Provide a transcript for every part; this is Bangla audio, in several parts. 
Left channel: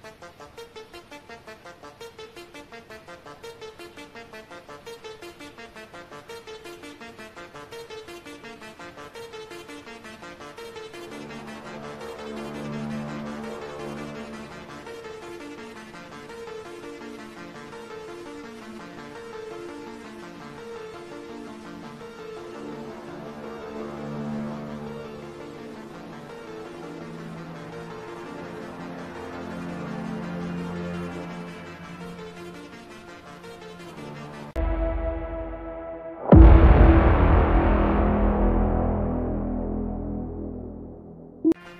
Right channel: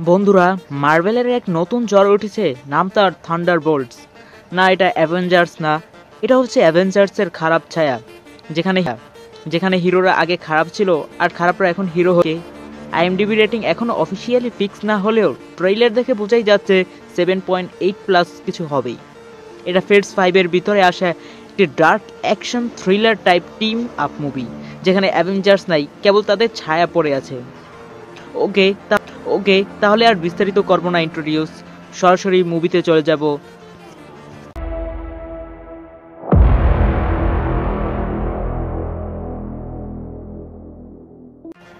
বন্ধুরা, মার্ভেলের এক নতুন ঝড় উঠেছে, নাম তার থান্ডারবোল্টস। না, এটা অ্যাভেঞ্জার্স না, এটা হচ্ছে অ্যাভেঞ্জার্সের খারাপ ছায়া। যেখানে যেখানে হিরোরা আগে খারাপ ছিল আর খারাপরা এখন হিরো হয়ে। আইএমডিবি রেটিং এখনো অফিসিয়ালি ফিক্স না হলেও ট্রেইলার দেখে বোঝাই যাচ্ছে 7.8+ কিছু হবেই। এটা ফেটস 5-এর ভিতরে আসা একটি dark action thriller type team up movie, যেখানে অ্যাভেঞ্জার্স নাই, কেবল তাদের ছায়া পড়ে আছে। ওকে ওকে, তাহলে আর বিস্তারিত করবো না ইন্ট্রোডিউস, সরাসরি মুভিতে চলে যাব।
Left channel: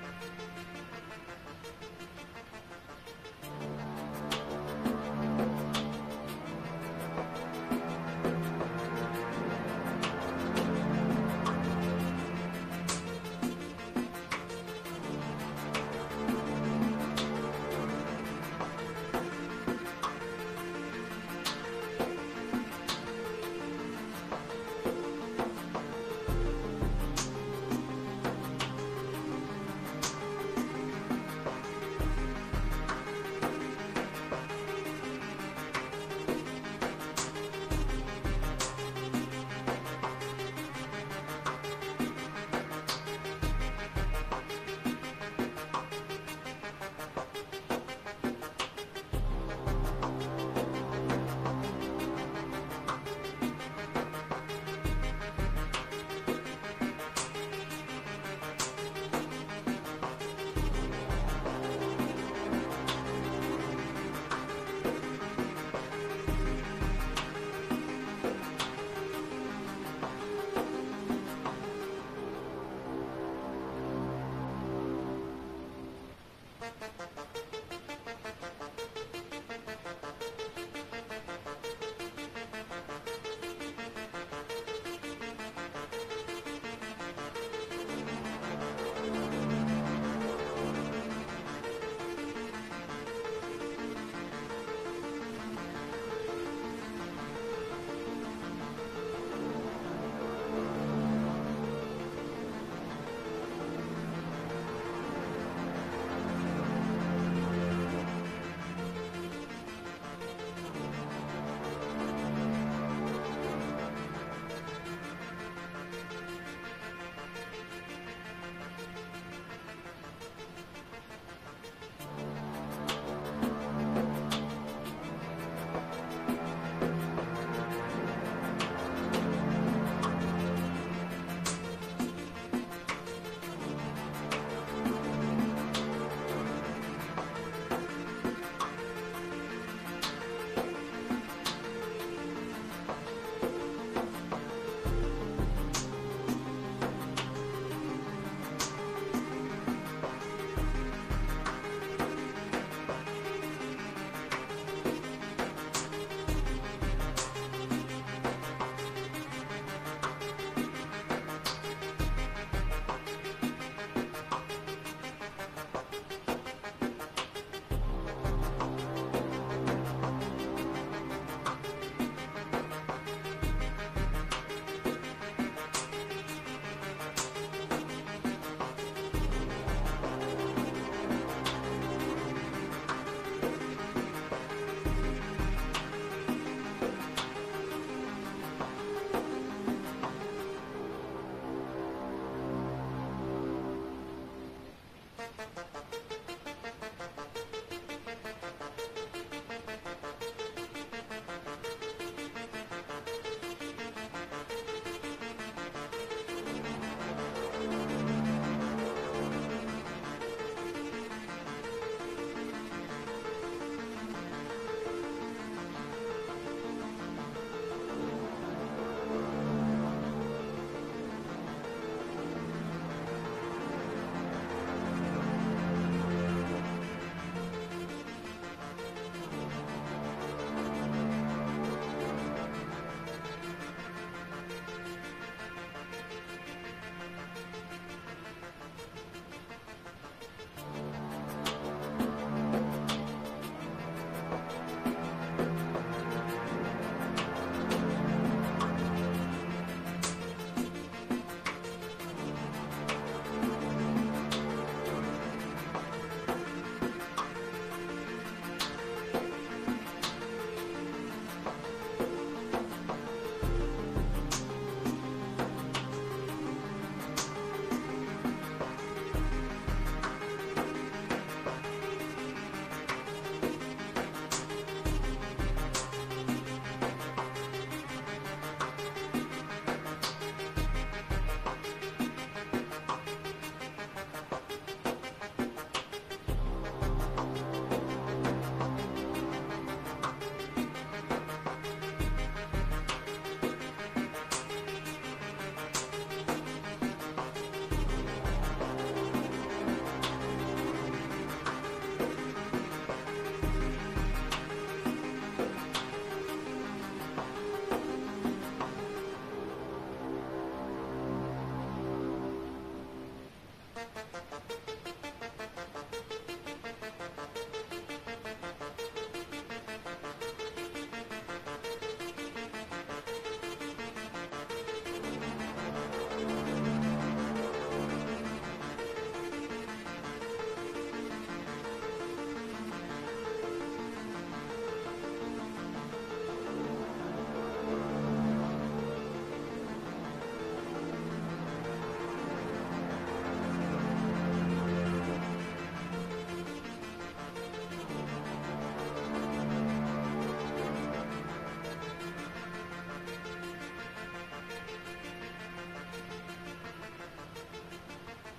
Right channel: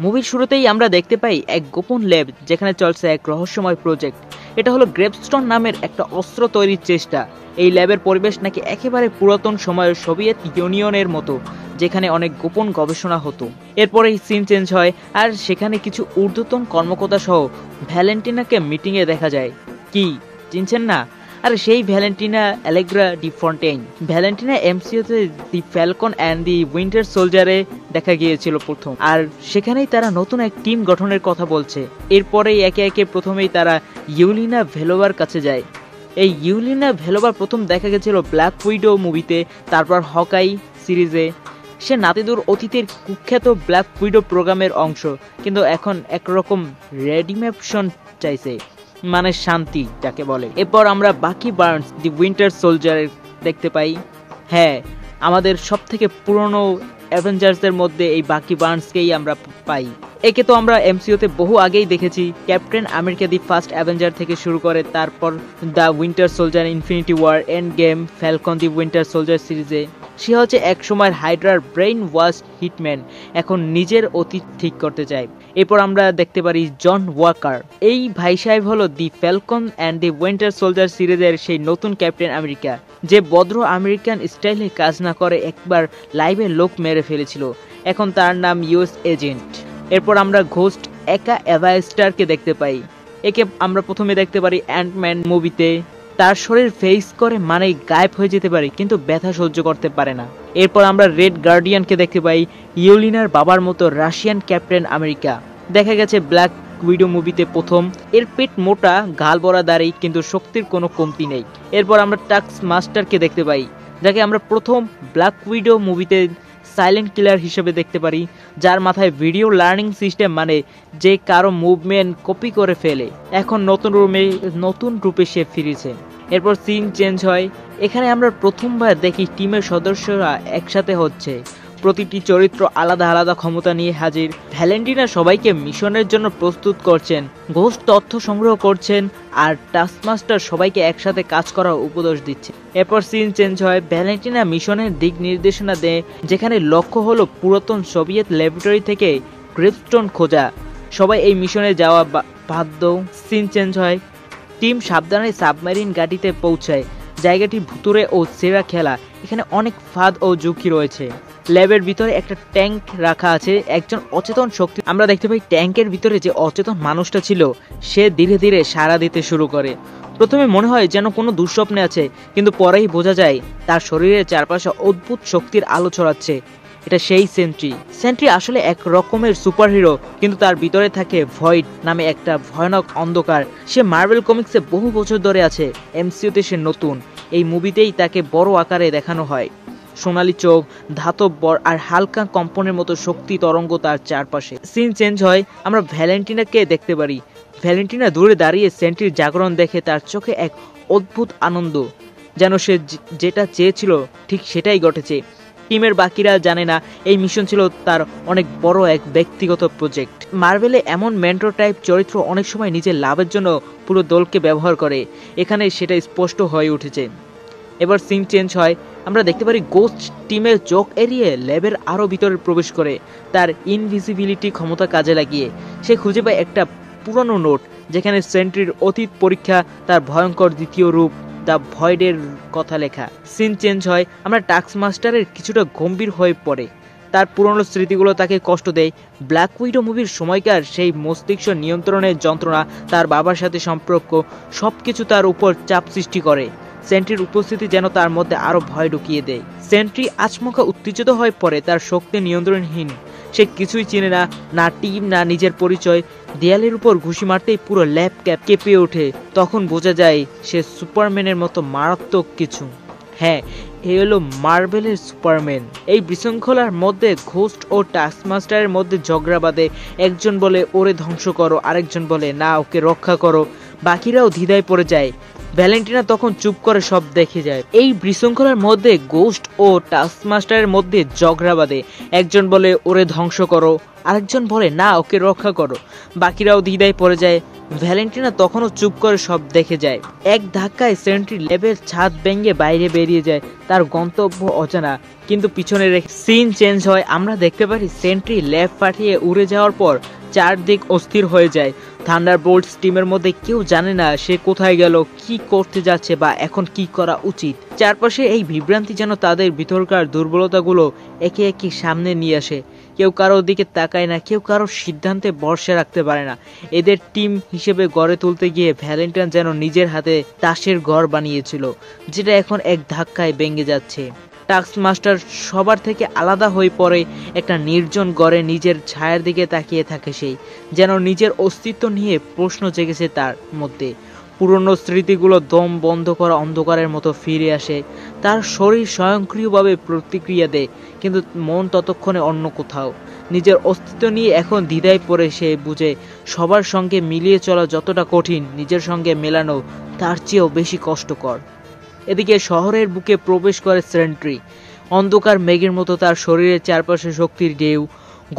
মুভির শুরুতেই আমরা দেখতে পাই এক গোপন ল্যাব যেখানে চলছে এক রহস্যময় প্রজেক্ট। এটা হলো গ্রেভস্টোন নামের একটা অস্ত্র তৈরির চেষ্টা। এই ল্যাবের পরিবেশ নাকি একেবারে পুরাতন সময়ের সোভিয়েত ইউনিয়নের মতো, যেখানে অনেক গোপন গবেষণা হতো। এরপরেই সিন চেঞ্জ হয় আর সেখানে কিছু ঊর্ধ্বতন কর্মকর্তা সহ ভ্যালেন্টিনাকে মিটিংয়ে দেখা যায়। কি চিনছেন না? আর সেই Valentina Allegra de Fontaine. Valentina এমসিইউতে the Falcon and the Winter সোলজারে দেখা গিয়েছিল প্রথম, আর সেখানেই তারা নতুন এক টিম গঠনের কথা বলছে। এরপরেই একে একে প্রথমেই তারা ইউলিনা ভেলোভার কাছে যায়। এই ইউলিনা ভেলোভা প্রথম দেখা গেছিল ব্ল্যাক উইডো মুভিতে, তারপর হকাই সিরিজে। সে নাতিদুর অতীতের কুখ্যাত ব্ল্যাক উইডো প্রোগ্রামের অংশ, কিন্তু এখন একরকম রেডিমেপশন চাইছে, মানে শান্তি যাকে বলে। এরপর আমরা বাকি বার্নস দি উইন্টার সোলজার দেখতে পাই। হ্যাঁ, আমাদের সব থেকে পুরনো অ্যাভেঞ্জার্সদের মধ্যে এই বাকি বার্নসকেই আমরা পাই। একে তো আমরা এমসিইউতে বহু আগেই দেখেছি, Captain America the First Avenger থেকে শুরু করে, তারপর the Winter Soldier, Infinity War, Endgame, Falcon the Winter Soldier সিরিজে। সে হচ্ছে এক সময়ের হাইড্রার ব্রেইন ওয়াশ হিটম্যান, এখন নিজের অতীত ঠিক করতে চায়। এরপর আমরা দেখতে পারি জন ওয়াকার। এই ভাই সাহেব হলো the Falcon and the Winter Soldier সিরিজের সেই নতুন ক্যাপ্টেন আমেরিকা, যে ভদ্র আমেরিকান স্টাইলে কাজ না করে একবার লাইভে লোক মেরে ফেলেছিল। এখন তার নাম ইউএস এজেন্ট। এরপর আমরা ঘোস্ট একা এভাস্টারকে দেখতে পাই। একে আমরা প্রথমে দেখতে পারি অ্যান্টম্যান মুভিতে। তার শরীর ফেস করে মানে গায়েব হয়ে যেতে পারে, কিন্তু ব্যথা সহ্য করতে পারে না। এরপর আমরা রেড গার্ডিয়ানকে দেখতে পাই, ইউলিনার বাবার মতো রাশিয়ান ক্যাপ্টেন আমেরিকা। দেখা গেছে ব্ল্যাক উইডো মুভিতে প্রথম। এর পেট মোটা, গাল বড়া দাড়ি, কিন্তু শক্তির কোনো কমতি নেই। এরপর আমরা টাস্ক মাস্টারকে দেখতে পাই, যাকে আমরা প্রথম ব্ল্যাক উইডো মুভিতে সাইলেন্ট কিলার হিসেবে দেখতে পারি, যার মাথায় ভিডিও লার্নিং সিস্টেম, মানে যে কারো মুভমেন্ট কপি করে ফেলে। এখন নতুন রূপে সে ফিরেছে। এরপর সিন চেঞ্জ হয়। এখানে আমরা প্রথমবার দেখি টিমের সদস্যরা একসাথে হচ্ছে, প্রতিটি চরিত্র আলাদা আলাদা ক্ষমতা নিয়ে হাজির। ভ্যালেন্টিনা সবাইকে মিশনের জন্য প্রস্তুত করছেন, ঘোস্ট তথ্য সংগ্রহ করছেন, আর টাস্কমাস্টার সবাইকে একসাথে কাজ করার উপদেশ দিচ্ছে। এরপর সিন চেঞ্জ হয়। ভ্যালেন্টিনা মিশনের দিক নির্দেশনা দেয়, যেখানে লক্ষ্য হলো পুরাতন সোভিয়েত ল্যাবরেটরি থেকে গ্রেভস্টোন খোঁজা। সবাই এই মিশনে যাওয়া বাধ্য। সিন চেঞ্জ হয়। টিম সাবধানে সাবমেরিন গাড়িতে পৌঁছায়। জায়গাটি ভুতুড়ে ও সেরা খেলা, এখানে অনেক ফাঁদ ও ঝুঁকি রয়েছে। ল্যাবের ভিতরে একটা ট্যাঙ্ক রাখা আছে, একজন অচেতন শক্তি। আমরা দেখতে পাই ট্যাঙ্কের ভিতরে যে অচেতন মানুষটা ছিল, সে ধীরে ধীরে সাড়া দিতে শুরু করে। প্রথমে মনে হয় যেন কোনো দুঃস্বপ্নে আছে, কিন্তু পরেই বোঝা যায় তার শরীরের চারপাশে অদ্ভুত শক্তির আলো ছড়াচ্ছে। এটা সেই সেন্ট্রি আসলে এক রকমের সুপারহিরো, কিন্তু তার ভিতরে থাকে ভয়েড নামে একটা ভয়ানক অন্ধকার। সে মার্ভেল কমিক্সে বহু বছর ধরে আছে, এমসিইউতে সে নতুন। এই মুভিতেই তাকে বড় আকারে দেখানো হয়। সোনালী চোখ, ধাতব বর আর হালকা কম্পনের মতো শক্তি তরঙ্গ তার চারপাশে। সিন চেঞ্জ হয়। আমরা ভ্যালেন্টিনাকে দেখতে পারি। ভ্যালেন্টিনা দূরে দাঁড়িয়ে সেন্ট্রির জাগরণ দেখে তার চোখে এক অদ্ভুত আনন্দ, যেন সে যেটা চেয়েছিল ঠিক সেটাই ঘটেছে। টিমের বাকিরা জানে না এই মিশন ছিল তার অনেক বড় এক ব্যক্তিগত প্রজেক্ট। মার্ভেলে এমন মেন্টর টাইপ চরিত্র অনেক সময় নিজের লাভের জন্য পুরো দলকে ব্যবহার করে, এখানে সেটা স্পষ্ট হয়ে উঠেছে। এবার সিন চেঞ্জ হয়। আমরা দেখতে পারি গোস্ট টিমের চোখ এড়িয়ে ল্যাবের আরো ভিতরে প্রবেশ করে, তার ইনভিজিবিলিটি ক্ষমতা কাজে লাগিয়ে সে খুঁজে পায় একটা পুরনো নোট, যেখানে সেন্ট্রির অতীত পরীক্ষা, তার ভয়ঙ্কর দ্বিতীয় রূপ দ্য ভয়েডের কথা লেখা। সিন চেঞ্জ হয়। আমরা টাস্ক মাস্টারের কিছুটা গম্ভীর হয়ে পড়ে, তার পুরনো স্মৃতিগুলো তাকে কষ্ট দেয়। ব্ল্যাক উইডো মুভির সময়কার সেই মস্তিষ্ক নিয়ন্ত্রণের যন্ত্রণা, তার বাবার সাথে সম্পর্ক, সবকিছু তার উপর চাপ সৃষ্টি করে। সেন্ট্রির উপস্থিতি যেন তার মধ্যে আরো ভয় ঢুকিয়ে দেয়। সেন্ট্রি আচমকা উত্তেজিত হয়ে পড়ে, তার শক্তি নিয়ন্ত্রণহীন। সে কিছুই চিনে না, না টিম, না নিজের পরিচয়। দেয়ালের উপর ঘুষি মারতেই পুরো ল্যাব কেঁপে ওঠে। তখন বোঝা যায় সে সুপারম্যানের মতো মারাত্মক কিছু। হ্যাঁ, এই হলো মার্বেলের সুপারম্যান। এই বিশৃঙ্খলার মধ্যে ঘোস্ট ও টাস্কমাস্টারের মধ্যে ঝগড়া বাঁধে। একজন বলে ওরে ধ্বংস করো, আরেকজন বলে না ওকে রক্ষা করো। বাকিরাও দ্বিধায় পড়ে যায়। ভ্যালেন্টিনা তখন চুপ করে সব দেখে যায়। এই বিশৃঙ্খলার মধ্যে গোস্ট ও টাস্কমাস্টারের মধ্যে ঝগড়া বাঁধে। একজন বলে ওরে ধ্বংস করো, আরেকজন বলে না ওকে রক্ষা করো। বাকিরাও দ্বিধায় পড়ে যায়। ভ্যালেন্টিনা তখনও চুপ করে সব দেখে যায়। এক ধাক্কায় সেন্ট্রি ল্যাবের ছাদ ভেঙে বাইরে বেরিয়ে যায়। তার গন্তব্য অজানা, কিন্তু পিছনে রেখে সিন চেঞ্জ হয়। আমরা দেখতে পারি সেন্ট্রি ল্যাব পাঠিয়ে উড়ে যাওয়ার পর চারদিক অস্থির হয়ে যায়। থান্ডারবোল্টস টিমের মধ্যে কেউ জানে না সে কোথায় গেল, কি করতে যাচ্ছে বা এখন কি করা উচিত। চারপাশে এই বিভ্রান্তি যেন তাদের ভিতরকার দুর্বলতাগুলো একে একে সামনে নিয়ে আসে। কেউ কারোর দিকে তাকায় না, কেউ কারোর সিদ্ধান্তে ভরসা রাখতে পারে না। এদের টিম হিসেবে গড়ে তুলতে গিয়ে ভ্যালেন্টাইন যেন নিজের হাতে তাসের ঘর বানিয়েছিল, যেটা এখন এক ধাক্কায় ভেঙে যাচ্ছে। টাস্কমাস্টার সবার থেকে আলাদা হয়ে পড়ে। একটা নির্জন ঘরে নিজের ছায়ার দিকে তাকিয়ে থাকে সেই, যেন নিজের অস্তিত্ব নিয়ে প্রশ্ন জেগেছে তার মধ্যে। পুরনো স্মৃতিগুলো দম বন্ধ করা অন্ধকারের মতো ফিরে আসে। তার শরীর স্বয়ংক্রিয়ভাবে প্রতিক্রিয়া দেয়, কিন্তু মন ততক্ষণে অন্য কোথাও। নিজের অস্তিত্ব নিয়ে এখন দ্বিধায় পড়ে সে বুঝে সবার সঙ্গে মিলিয়ে চলা যতটা কঠিন, নিজের সঙ্গে মেলানো তার চেয়েও বেশি কষ্টকর। এদিকে শহরের বুকে প্রবেশ করে সেন্ট্রি। অন্ধকার মেঘের মতো তার শরীরের চারপাশে শক্তির ঢেউ,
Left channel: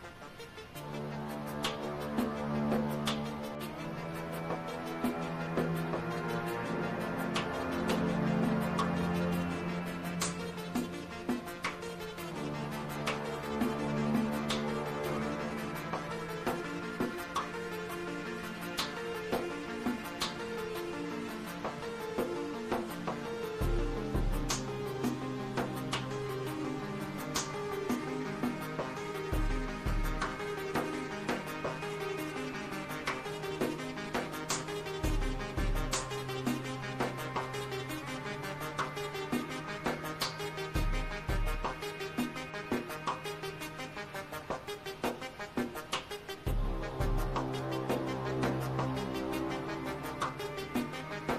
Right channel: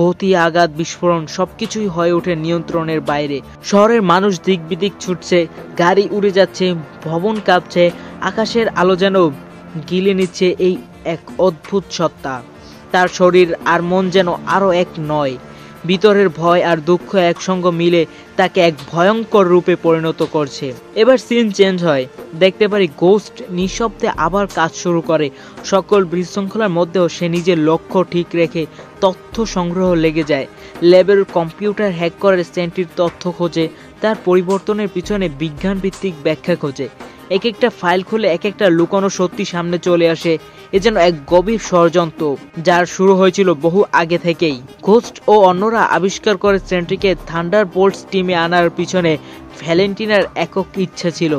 গতি, আঘাত, বিস্ফোরণ সবকিছুই হয়ে ওঠে নিয়ন্ত্রণের বাইরে। শহরের মানুষ দিক বিদিক ছুটছে, গাড়ি উড়ে যাচ্ছে, ভবন কাঁপছে, আকাশের আলো যেন গিলে নিচ্ছে এই এক অদ্ভুত সত্তা। তার শরীর আর মন যেন আরো এক নয়। ভিতরের ভয় আর দুঃখ একসঙ্গে মিলে তাকে এক ভয়ঙ্কর রূপে পরিণত করছে। এবার সিন চেঞ্জ হয়। দেখতে পারি গোস্ট নিঃশব্দে আবার কাজ শুরু করে। সকল বিশৃঙ্খলার মধ্যেও সে নিজের লক্ষ্য ঠিক রেখে তথ্য সংগ্রহ লেগে যায়। ল্যাবের কম্পিউটার হ্যাক করে সেন্ট্রির তথ্য খোঁজে, তার পরিবর্তনের পিছনে বিজ্ঞান ভিত্তিক ব্যাখ্যা খোঁজে। এক একটা ফাইল খুলে এক একটা লুকানো সত্যি সামনে চলে আসে। এ যেন এক গভীর ষড়যন্ত্র, যার শুরু হয়েছিল বহু আগে থেকেই। ঘোস্ট ও অন্যরা আবিষ্কার করে সেন্ট্রিকে থান্ডারবোল্টস টিমে আনার পিছনে ভ্যালেন্টিনার একক ইচ্ছা ছিল।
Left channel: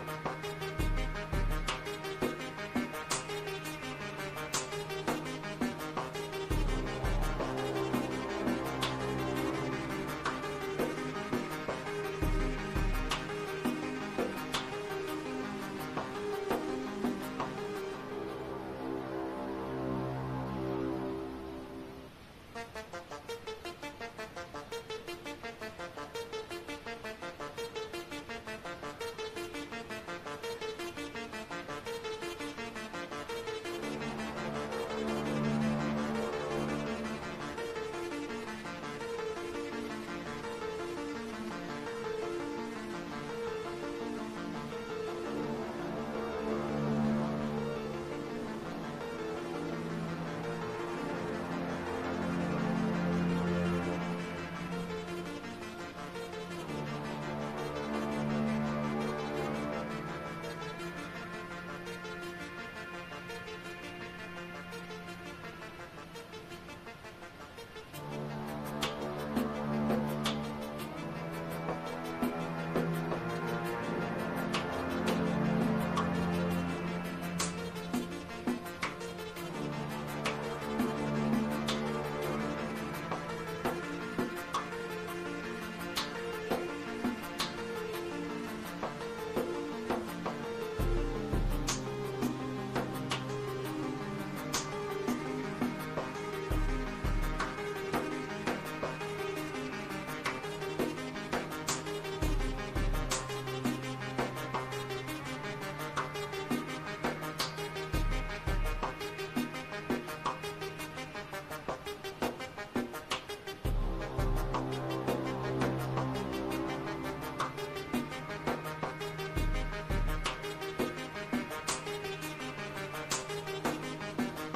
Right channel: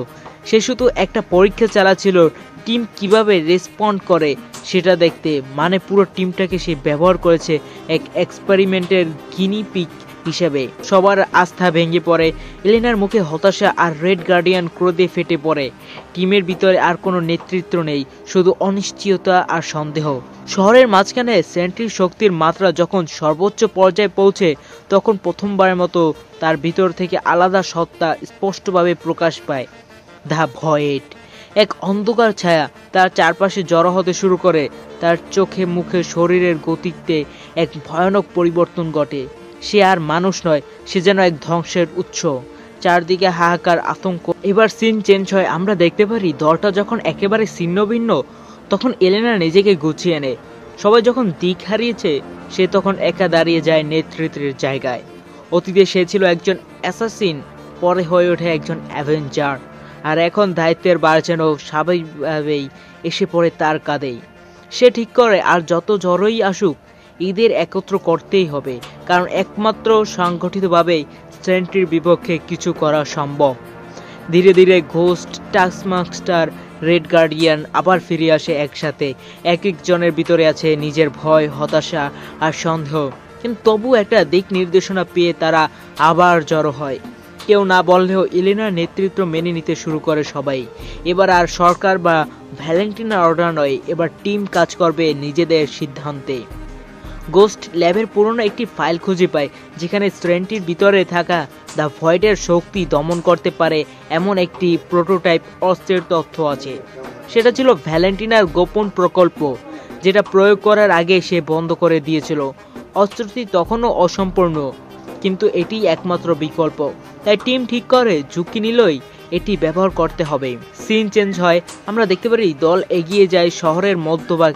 সে শুধু একটা পরীক্ষা চালাচ্ছিল, টিম কিভাবে রেসপন্ড করে সেটা দেখতে। মানে পুরো টিমটাকে সে ব্যবহার করেছে এক এক্সপেরিমেন্টের গিনি পিগ হিসেবে। সবার আস্থা ভেঙে পড়ে। এলেনার মুখে হতাশা আর রেড গার্ডিয়ান ক্রোধে ফেটে পড়ে। টিমের ভিতরে আর কোনো নেতৃত্ব নেই, শুধু অনিশ্চয়তা আর সন্দেহ। শহরের মাঝখানে সেন্ট্রির শক্তির মাত্রা যখন সর্বোচ্চ পর্যায়ে পৌঁছে, তখন প্রথমবারের মতো তার ভিতর থেকে আলাদা সত্তা স্পষ্টভাবে প্রকাশ পায়। দ্য ভয়েড, এক অন্ধকার ছায়া তার চারপাশে জড়ো হতে শুরু করে। তার চোখে মুখে শরীরের গতিতে এক ভয়ানক পরিবর্তন ঘটে। সে আর মানুষ নয়, সে যেন এক ধ্বংসের উৎস। চারদিকে হাহাকার, আতঙ্ক। এবার সিন চেঞ্জ হয়। আমরা দেখতে পারি দলটা যখন একেবারে ছিন্ন ভিন্ন, তখন এলেনা নিজেকে গুছিয়ে নেয়। সবাই যখন দিক হারিয়েছে, সে তখন একা দাঁড়িয়ে যায় নেতৃত্বের জায়গায়। অতীতে সে ছিল একজন অ্যাসাসিন, পরে হয়ে ওঠে একজন অ্যাভেঞ্জার। আর এখন দায়িত্বের ভার যেন স্বাভাবিকভাবেই এসে পড়ে তার কাঁধেই। সে ঠিক করে আর যত ঝড়ই আসুক, ঈদের একত্র করতেই হবে, কারণ একমাত্র সংগঠিতভাবেই সেন্ট্রির বিপক্ষে কিছু করা সম্ভব। ধীরে ধীরে ঘোস্ট, টাস্কমাস্টার, রেড গার্ডিয়ান আবার ফিরে আসে একসাথে। এক একজনের ভিতরে আছে নিজের ভয়, হতাশা আর সন্দেহ, কিন্তু তবু একটা দিক নির্দেশনা পেয়ে তারা আবার জড়ো হয়। কেউ না বললেও এলেনার নেতৃত্ব মেনে নিতে শুরু করে সবাই। এবার আর সরকার বা ভ্যালেন্টিনার অর্ডার নয়, এবার টিম কাজ করবে নিজেদের সিদ্ধান্তে। গোস্ট ল্যাবের পুরনো একটি ফাইল খুঁজে পায়, যেখানে সেন্ট্রির ভিতরে থাকা দ্য ভয়েডের শক্তি দমন করতে পারে এমন একটি প্রোটোটাইপ অস্ত্রের তথ্য আছে। সেটা ছিল ভ্যালেন্টিনার গোপন প্রকল্প, যেটা প্রয়োগ করার আগে সে বন্ধ করে দিয়েছিল। অস্ত্রটি তখনও অসম্পূর্ণ, কিন্তু এটি একমাত্র বিকল্প। তাই টিম ঠিক করে ঝুঁকি নিলই এটি ব্যবহার করতে হবে। সিন চেঞ্জ হয়। আমরা দেখতে পারি দল এগিয়ে যায় শহরের মধ্যভাগ,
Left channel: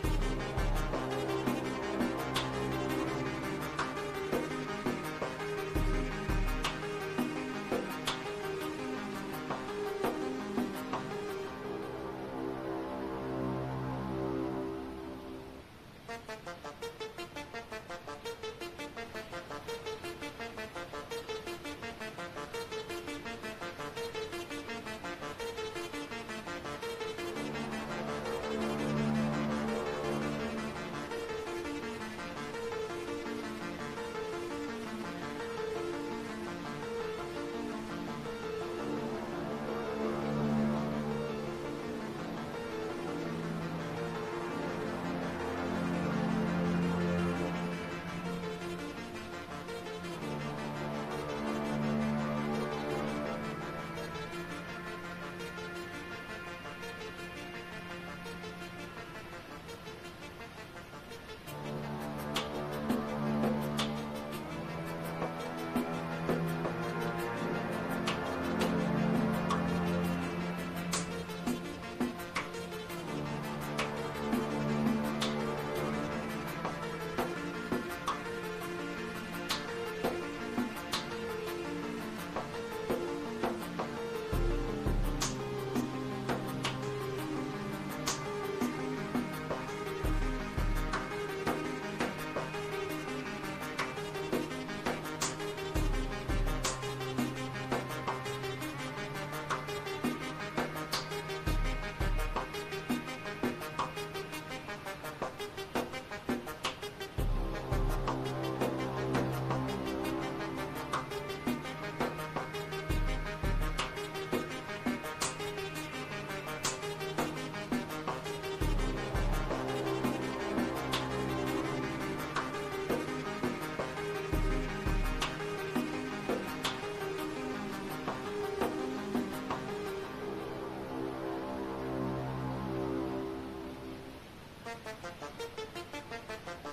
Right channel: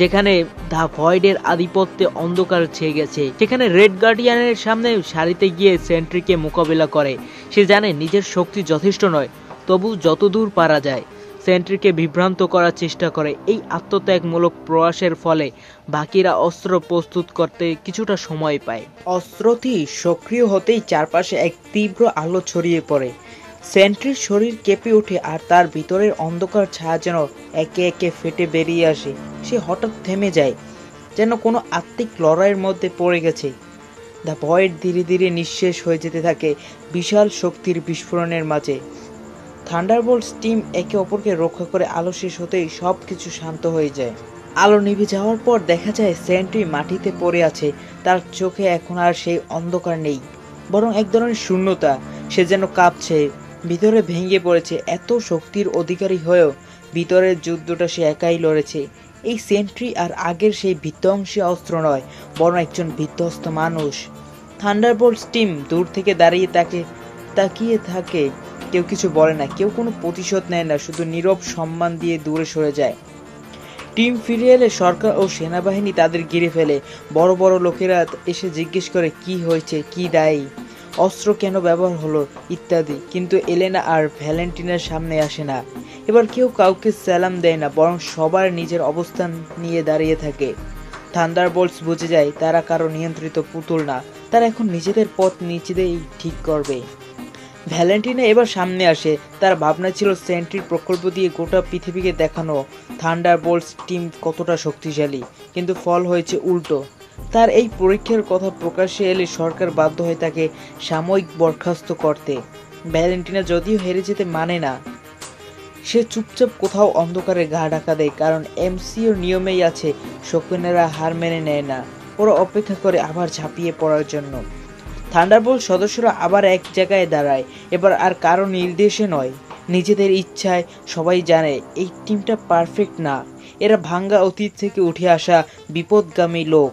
যেখানে দ্য ভয়েডের আধিপত্যে অন্ধকার ছেয়ে গেছে। সেখানে রেড গার্ডিয়ানের সামনে সারিতে গিয়ে সেন্ট্রিকে মোকাবিলা করে। সে জানে নিজের শক্তি যথেষ্ট নয়, তবু যতদূর পারা যায়। সেন্ট্রিকে বিভ্রান্ত করার চেষ্টা করে। এই আত্মত্যাগমূলক প্রয়াসের ফলে বাকিরা অস্ত্র প্রস্তুত করতে কিছুটা সময় পায়। অস্ত্রটি সক্রিয় হতেই চারপাশে এক তীব্র আলো ছড়িয়ে পড়ে। সেন্ট্রির শরীর কেঁপে ওঠে আর তার ভিতরের অন্ধকার ছায়া যেন একে একে ফেটে বেরিয়ে আসে। সে হঠাৎ থেমে যায়, যেন কোনো আত্মিক লড়াইয়ের মধ্যে পড়ে গেছে। দ্য ভয়েড ধীরে ধীরে নিঃশেষ হয়ে যেতে থাকে বিশাল শক্তির বিস্ফোরণের মাঝে। থান্ডারবোল্টস টিম একে অপরকে রক্ষা করে আলো শেষ হতেই সবকিছু শান্ত হয়ে যায়। আলো নিভে যাওয়ার পর দেখা যায় সেন্ট্রি মাটিতে পড়ে আছে। তার চোখে এখন আর সেই অন্ধকার নেই, বরং এক ধরনের শূন্যতা। সে যেন কাঁপছে, ভিতরে ভেঙে পড়েছে। এত শক্তির অধিকারী হয়েও ভিতরের যুদ্ধটা সে একাই লড়েছে। এই সেন্ট্রি আর আগের সেই বিধ্বংসী অস্ত্র নয়, বরং একজন বিধ্বস্ত মানুষ। থান্ডারবোল্টস টিম দূর থেকে দাঁড়িয়ে তাকিয়ে থাকে। কেউ কিছু বলে না, কেউ কোনো প্রতিশোধ নেয় না, শুধু নীরব সম্মান দিয়ে দূরে সরে যায়। টিম ফিরে এলে সরকার ও সেনাবাহিনী তাদের ঘিরে ফেলে। বড় বড় লোকেরা এসে জিজ্ঞেস করে কি হয়েছে, কি দায়ী, অস্ত্র কেন ব্যবহার হলো ইত্যাদি। কিন্তু এলেনা আর ভ্যালেন্টিনার সামনে আসে না। এবার কেউ কাউকে সালাম দেয় না, বরং সবার নিজের অবস্থান নিয়ে দাঁড়িয়ে থাকে। থান্ডারবোল্টস বুঝে যায় তারা কারো নিয়ন্ত্রিত পুতুল না, তারা এখন নিজেদের পথ নিজেদেরই ঠিক করবে। ভ্যালেন্টিনা এবার সামনে আসে। তার ভাবনা ছিল সেন্ট্রির প্রকল্প দিয়ে গোটা পৃথিবীকে দেখানো থান্ডারবোল্টস টিম কতটা শক্তিশালী, কিন্তু ফল হয়েছে উল্টো। তার এই পরীক্ষার কথা প্রকাশ্যে এলে সরকার বাধ্য হয় তাকে সাময়িক বরখাস্ত করতে। ভ্যালেন্টিনা যদিও হেরে যেতে মানে না, সে চুপচাপ কোথাও অন্ধকারে গা ঢাকা দেয়, কারণ এমসিওর নিয়মেই আছে শকুনেরা হার মেনে নেয় না, ওরা অপেক্ষা করে আবার ঝাঁপিয়ে পড়ার জন্য। থান্ডারবোল্ট সদস্যরা আবার এক জায়গায় দাঁড়ায়, এবার আর কারো নির্দেশে নয়, নিজেদের ইচ্ছায়। সবাই জানে এই টিমটা পারফেক্ট না, এরা ভাঙ্গা অতীত থেকে উঠে আসা বিপদগামী লোক,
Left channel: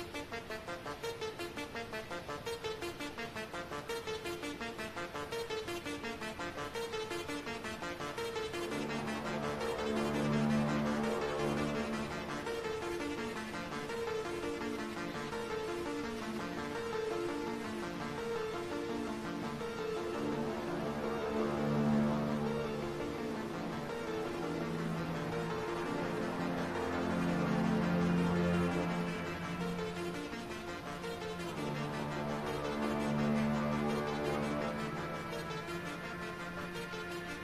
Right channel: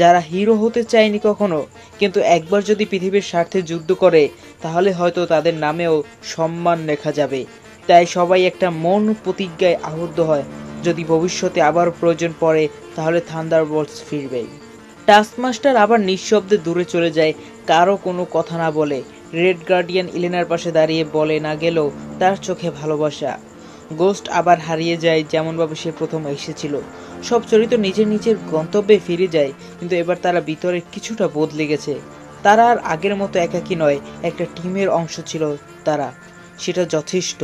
যারা হিরো হতে চায়নি কখনো, কিন্তু একবার যদি পৃথিবীর স্বার্থে যুদ্ধ করে তাহলে হয়তো তাদের নামেও সম্মান লেখা যাবে। তাই সবাই একটা মন প্রতিজ্ঞায় আবদ্ধ হয়, যদি ভবিষ্যতে আবার প্রয়োজন পড়ে তাহলে থান্ডারবোল্টস ফিরবে। টাস্কমাস্টার আবার নিঃশব্দে দূরে চলে যায়, কারো কোনো কথা না বলে। রেড গার্ডিয়ান ইলেনার পাশে দাঁড়িয়ে বলে না গেলেও তার চোখে ভালোবাসা। গোস্ট আবার হারিয়ে যায় যেমনভাবে সে প্রথম এসেছিল। সব চরিত্র নিজের নিজের গন্তব্যে ফিরে যায়, কিন্তু এবার তারা ভিতরে কিছুটা বদলে গেছে। তারা আর আগের মতো একাকী নয়, একটা টিমের অংশ ছিল তারা, সেটা যথেষ্ট।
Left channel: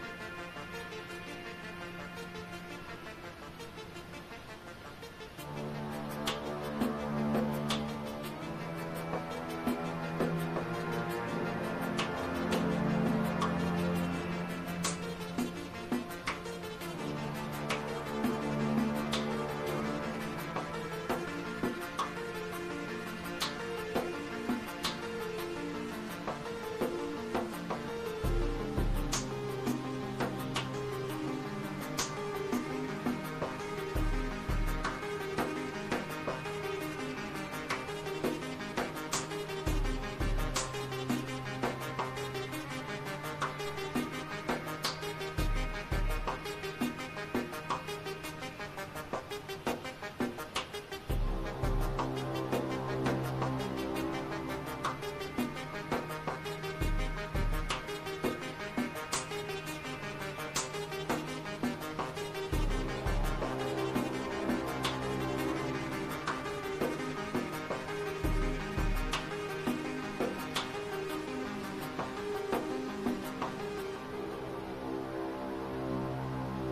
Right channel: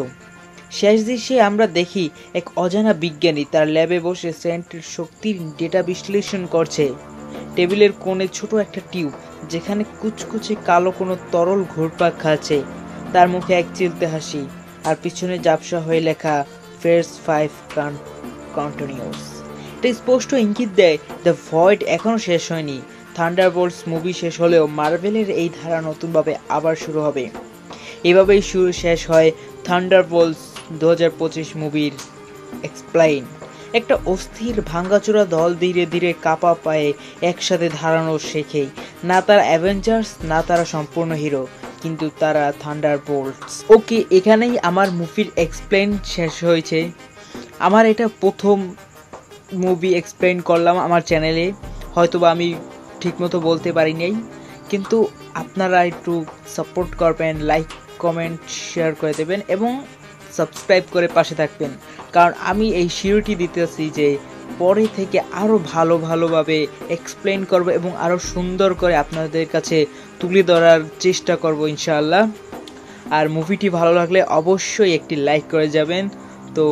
শেষ দৃশ্যে আমরা দেখি এক অজানা বিজ্ঞানী তার ল্যাবে বসে সেন্ট্রির শক্তির ডেটা বিশ্লেষণ করছে। টেবিলের কোণে ছোট একটা টিউব, যেখানে কুচকুচে কালো কোনো তরল ঘুরপাক খাচ্ছে। তার মুখে এক চিলতে হাসি, আর পিছনে ঝাপসা হয়ে লেখা ফেয়ার্স 5 কন্টিনিউস। এটা স্পষ্ট ইঙ্গিত দেয় দ্য ভয়েড এখনো শেষ হয়নি। থান্ডারবোল্টস মুভি শেষ হলেও মার্ভেলের এই ধারা নতুনভাবে আবার শুরু হবে। এভাবেই শেষ হয় থান্ডারবোল্টস 2025 মুভির এক্সপ্লেইন। একটা অস্থির ভাঙ্গাচোরা দল ধীরে ধীরে কাপা পায়ে একসাথে দাঁড়ানো শেখে। না তারা অ্যাভেঞ্জার্স, না তারা সম্পূর্ণ হিরো, কিন্তু তারা থান্ডারবোল্টস। ওকে, এখানেই আমার মুভির এক্সপ্লেইন শেষ হয়েছে। আমার এটা প্রথম মুভি এক্সপ্লেইন করলাম আমার চ্যানেলে, হয়তোবা আমি ঠিকমতো বলতে পারিনি, কিন্তু আপনারা একটু সাপোর্ট করবেন, লাইক কমেন্ট শেয়ার করে দেবেন এবং সাবস্ক্রাইব করে পাশে থাকবেন, কারণ আমি এই শিওরিটি দিতেছি যে পরে থেকে আরও ভালোভাবে এক্সপ্লেইন করব এবং আরও সুন্দর করে আপনাদের কাছে তুলে ধরার চেষ্টা করব ইনশাআল্লাহ। আর মুভিটি ভালো লাগলে অবশ্যই একটি লাইক করে যাবেন। তো